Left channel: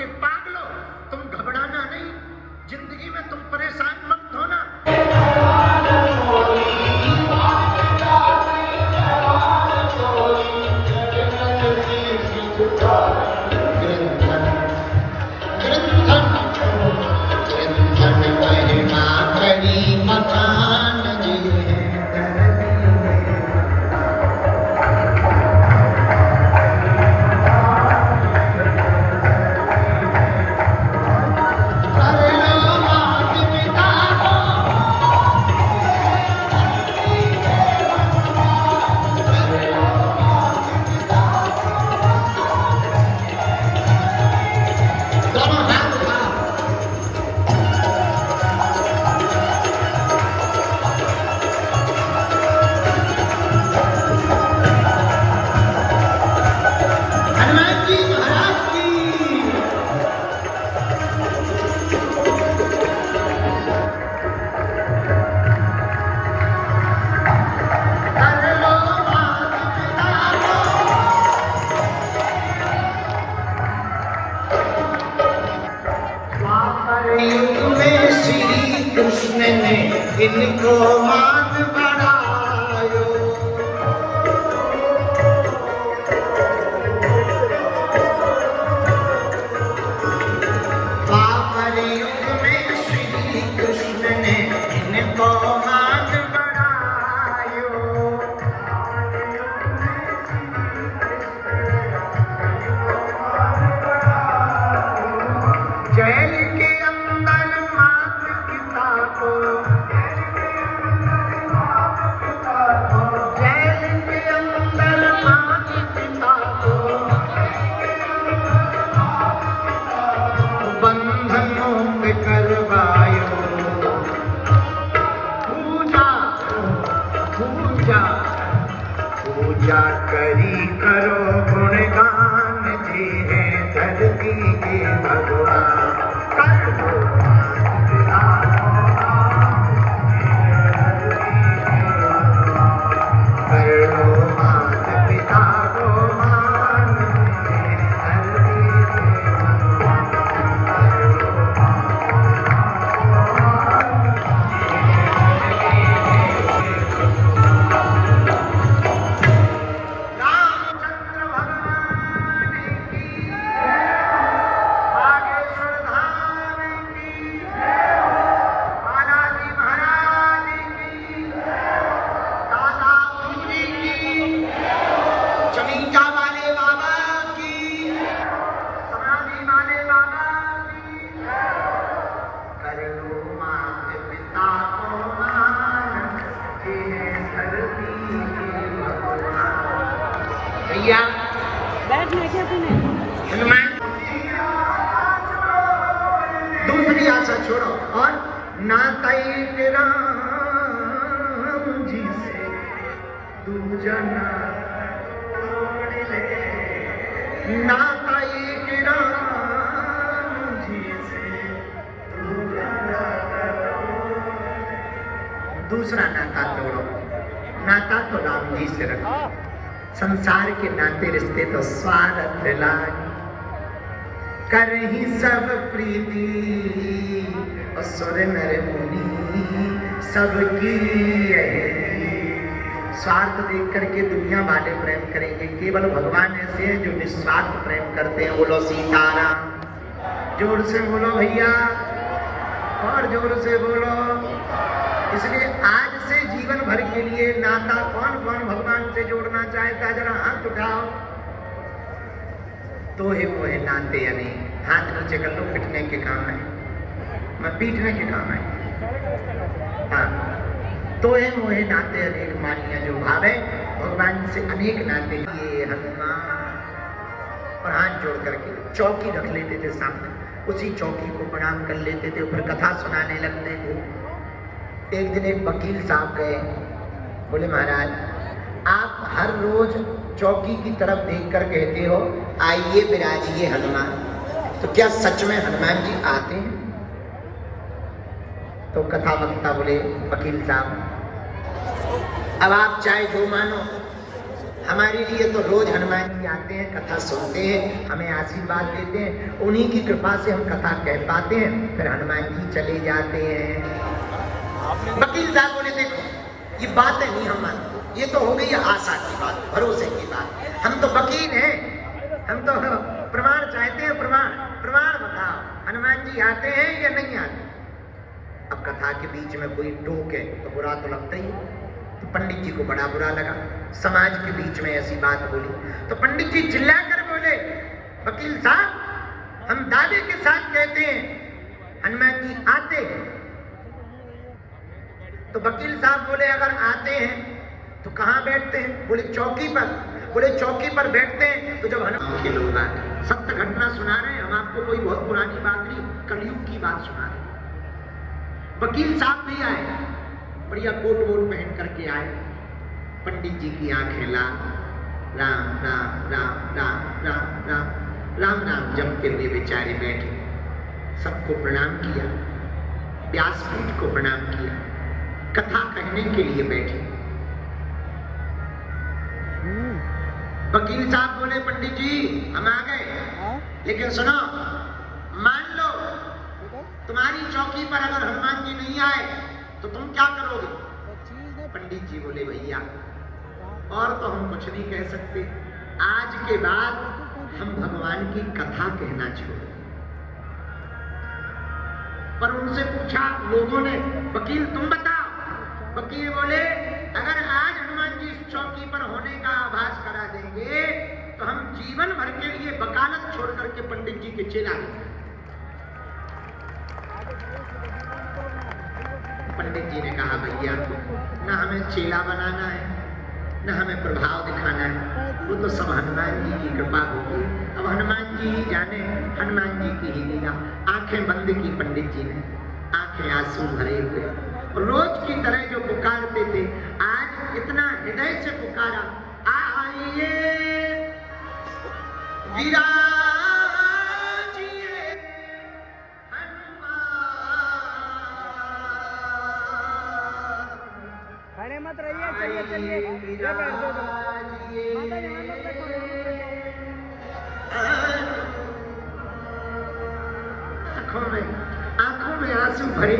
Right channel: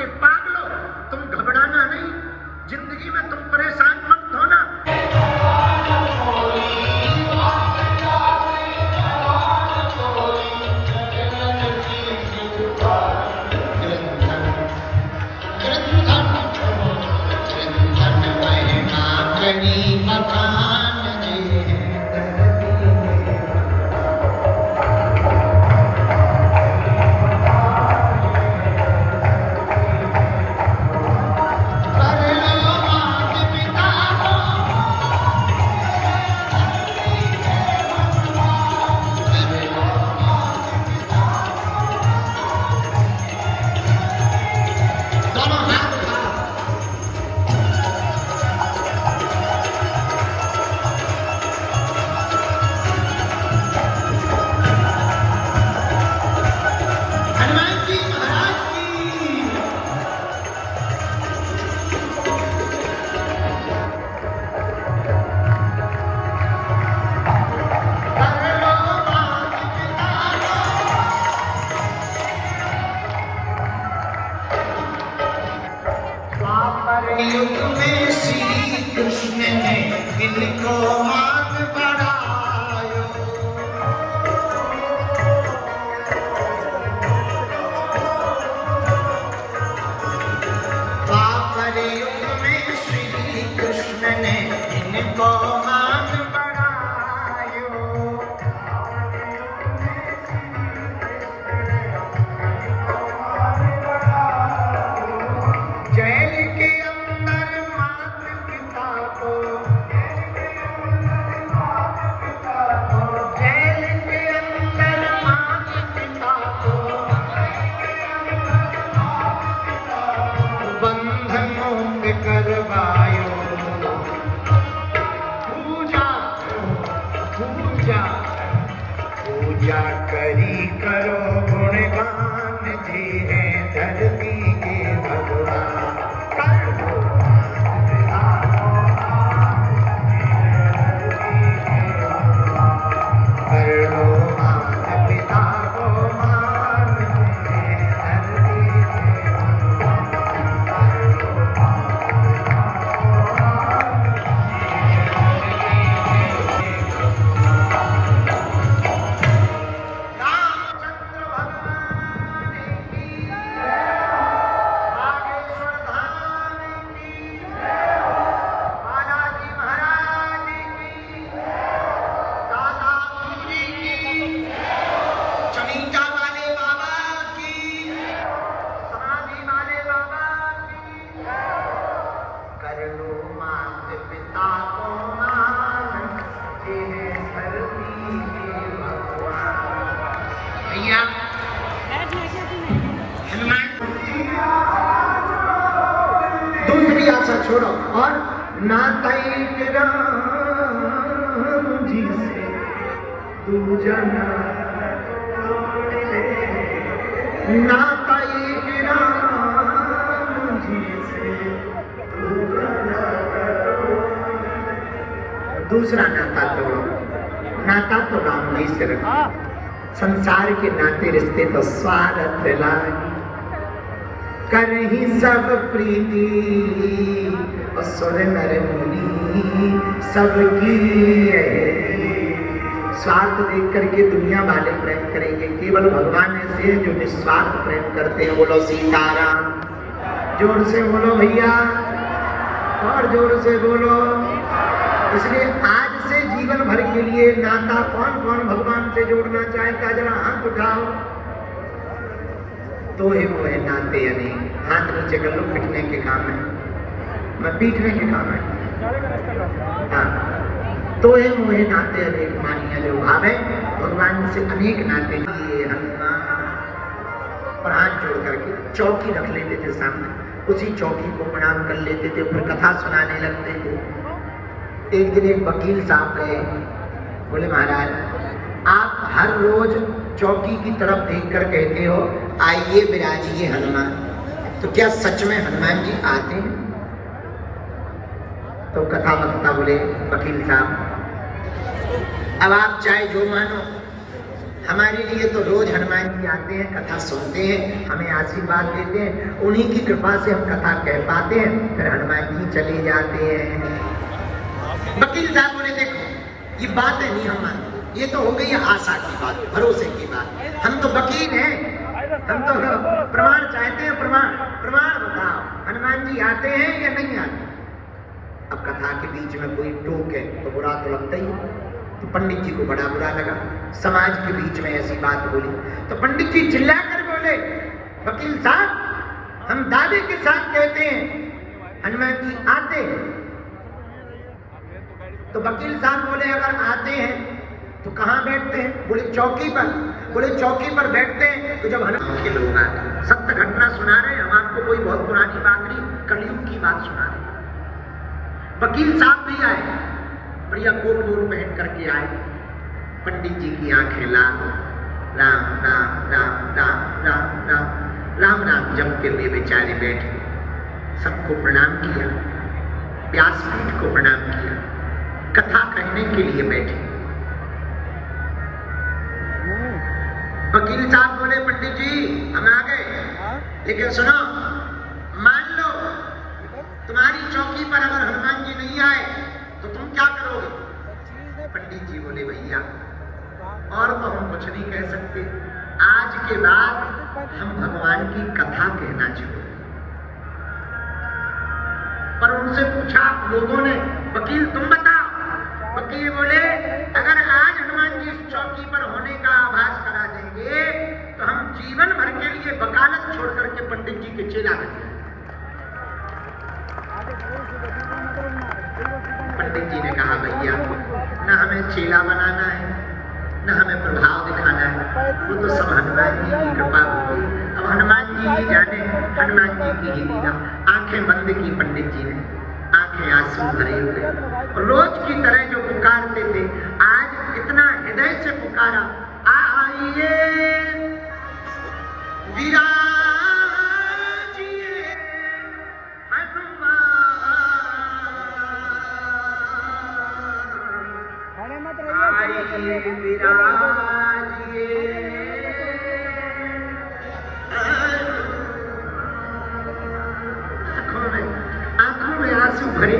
के पागलों, तुम घबराना नहीं, जिंदगी में तुम परेशान मत होना। कृष्ण ने इनको मान बनायो, द्वापर युग में श्री कृष्ण ने इनको मान बनायो। जेल के अंदर माता पिता को, जेल के अंदर माता पिता को बंधनों पे करवायो। पूजा पूजा पूजा करी करो गुणगान जी है धरती के भगवान। दूसरी आशा छोड़ो और नाता राम जी से दूजा नाता राम जी से दूसरा नाता तोड़ो। नाता तो राम जी से रखो। संसार के नाते रिश्ते तो स्वार्थ लागी, करही सब प्रीति असुर नर मुनि सबकी। स्वार्थ देख करके दुनिया वाले प्रेम करेंगे, केवल भगवान ऐसे हैं जो निस्वार्थ प्रेम करते हैं। बोलो सीताराम, जोर से बोलो भैया, और जोर से बोलो। इसलिए आज से जीवन भर के लिए नाता कौन कौन भगवान से जोड़ना चाहेगा, जरा हाथ उठाओ। तो है वो है नाते अनेक। हाथ नीचे कर लो, पिटने के काम है, मैं पीटने के काम है। हाँ, तो है वो है नाते अनेक मानिया जो भाव है भगवान से अनेक नाते। ये हनुमान और हाथ जोड़ करके चौकी रख लेते थे सामने, उसी चौकी को प्रणाम कर लेते थे, फिर कथा सुनाने लगते थे। एक दिन एक वकील साहब गए, बोले महाराज आप हर रोज चौकी की तरफ देखकर कहते हो आइए विराजिए हनुमान, तो क्या सच में हनुमान जी आते हैं? तो कथा वक्ता बोले वकील साहब अब आप चाहे जो मानो, हमारे लिए तो रोज हनुमान जी आते हैं, कथा सुनते हैं, हमें आशीर्वाद देते हैं, उन्हीं की कृपा से हम कथा कह पाते हैं, फिर हनुमान जी चले जाते हैं। वकील साहब बोले देखो ये बातें नहीं हम मानते, ये तो हो गई आशा की बात, भरोसे की बात। हम तो वकील हैं, हम तो प्रमाण चाहते हैं, प्रमाण प्रमाण बताओ हनुमान जी आते हैं या नहीं आते। अब कथा के बीच में कोई टोके तो बुरा तो लगता ही, तो पंडित जी को बड़ा बुरा लगा, समाज के बीच में ऐसी बात बोली। तो पंडित जी चिल्लाकर बोले वकील साहब हम दावे के साथ कहते हैं हनुमान जी आते हैं। तो वकील साहब बोले अगर आते हैं तो कहां बैठते हैं? बोले चौकी पर। बोले चौकी पर बैठते हैं तो जब हनुमान के लोग आते, सत्य घटना सुना रहे हैं हम आपको, कोई बहुत पुरानी बात नहीं, कलयुग की बात सुना रहे। वकील साहब भी आए, बढ़िया कोट वोट पहन करके आए। पंडित जी की आंखें लाल, राम राम राम राम राम राम राम राम जमते हुए बेचारे बैठे, सबको प्रणाम किया, व्यासपीठ को प्रणाम किया, कथा कहने के लिए बैठे। वकील साहब बोले पंडित जी हम आ गए, लेकिन सुनो, मान लो तुम्हारी चौकी पर अगर हनुमान जी नहीं आए तो तुम क्या करोगे? पंडित जी बोले भैया और तो हम कुछ नहीं कह सकते, आज के बाद हम भगवान की कथा कहना छोड़। पर उनसे पूछा लोगों ने वकील तुम बताओ। वकील बोले अगर आज हनुमान जी इस चौकी पर होने का आभास करा देंगे तो हम जीवन भर के लिए वकालत छोड़ करके पंडित जी के चेला बन जाएंगे। पंडित जी ने कहा भैया न हमें चेला बनाना है न हमें प्रभाव दिखाना है, वो तो सब हनुमान जी की कृपा होगी। अब हनुमान जी ही जाने, हनुमान जी की ही लीला। आंखें बंद की पंडित जी ने, आंखें आंसू भरे हुए, रोज की तरह जो पुकारते थे आज इतना हृदय से पुकारा, आइए विराजिए खड़े मत रहिए, चलिए चलिए। आंखों में आंसू भरे,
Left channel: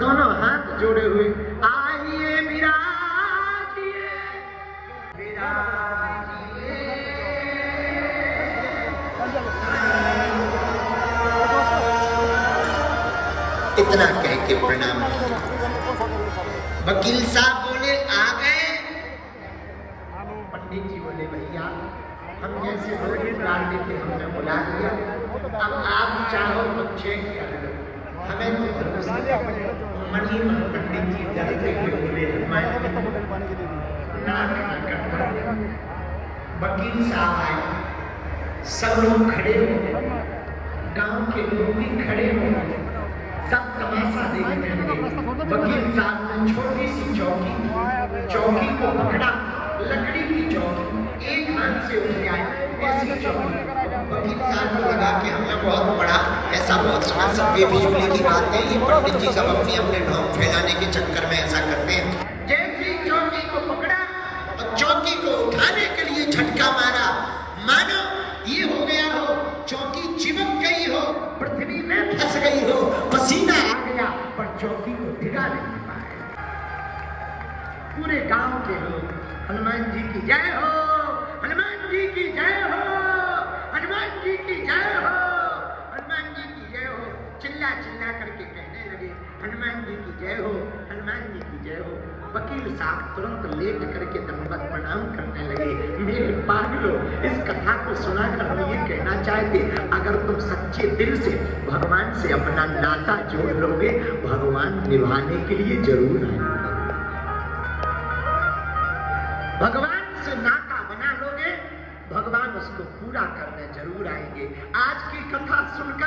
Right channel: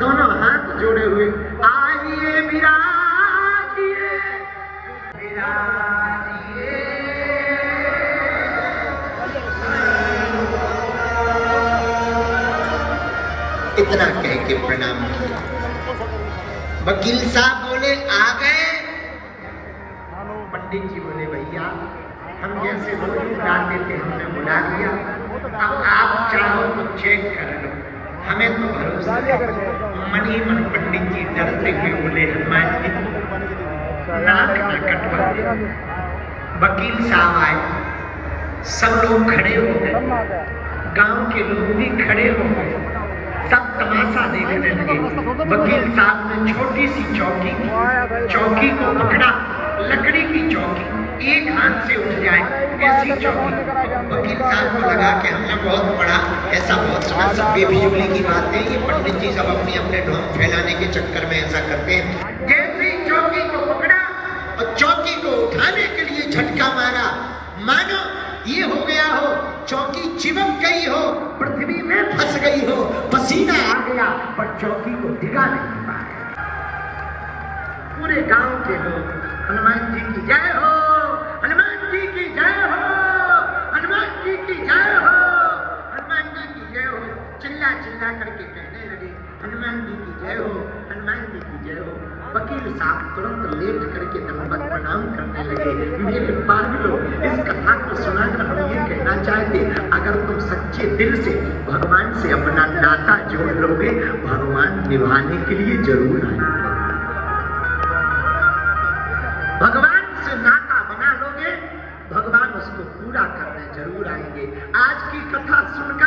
दोनों हाथ जोड़े हुए, आइए विराजिए विराजिए। इतना कह के प्रणाम किया। वकील साहब बोले आ गए? पंडित जी बोले भैया हम जैसे गाते थे हमने बुला दिया, अब आप चाहो तो चेक कर लो, हमें तो भरोसा मनी मन। पंडित जी डरते हुए बोले हनुमान जी नाक न कटवा दे। वकील साहब आए, सब लोग खड़े हो गए, गांव के लोग भी खड़े हो गए, सब तमाशा देखने लगे। वकील साहब ने छोटी सी चौकी को पकड़ा, लकड़ी की चौकी, एक हाथ से उठ जाए ऐसी चौकी। वकील साहब को लगा कि हमने बहुत पढ़ा, ऐसा बहुत सुना, सब बेफिजूली की बातें, ये पंडित जी सब अपने अपने ढोंग फैलाने के चक्कर में ऐसा करते हैं। जैसे चौकी को पकड़ा और चौकी को उठाने के लिए झटका मारा, मानो ये हो गया हो चौकी चिपक गई हो, पृथ्वी में फंस गई हो, पसीना आ गया, पर चौकी को टिका नहीं पाया। पूरे गांव के लोग हनुमान जी की जय हो, हनुमान जी की जय हो, हनुमान जी की जय हो, हनुमान जी की जय हो, चिल्ला चिल्ला करके कहने लगे हनुमान जी की जय हो, हनुमान जी की जय हो। वकील साहब तुरंत लेट करके दंडवत प्रणाम करने लगे। मेरे पागलों, इस कथा को सुनाकर हम ये कहना चाहते, अगर तुम सच्चे दिल से भगवान से अपना नाता जोड़ लोगे, भगवान निभाने के लिए जरूर आएंगे। भगवान से नाता बना लोगे, भगवान उसको पूरा करने जरूर आएंगे। आज की कथा सुनकर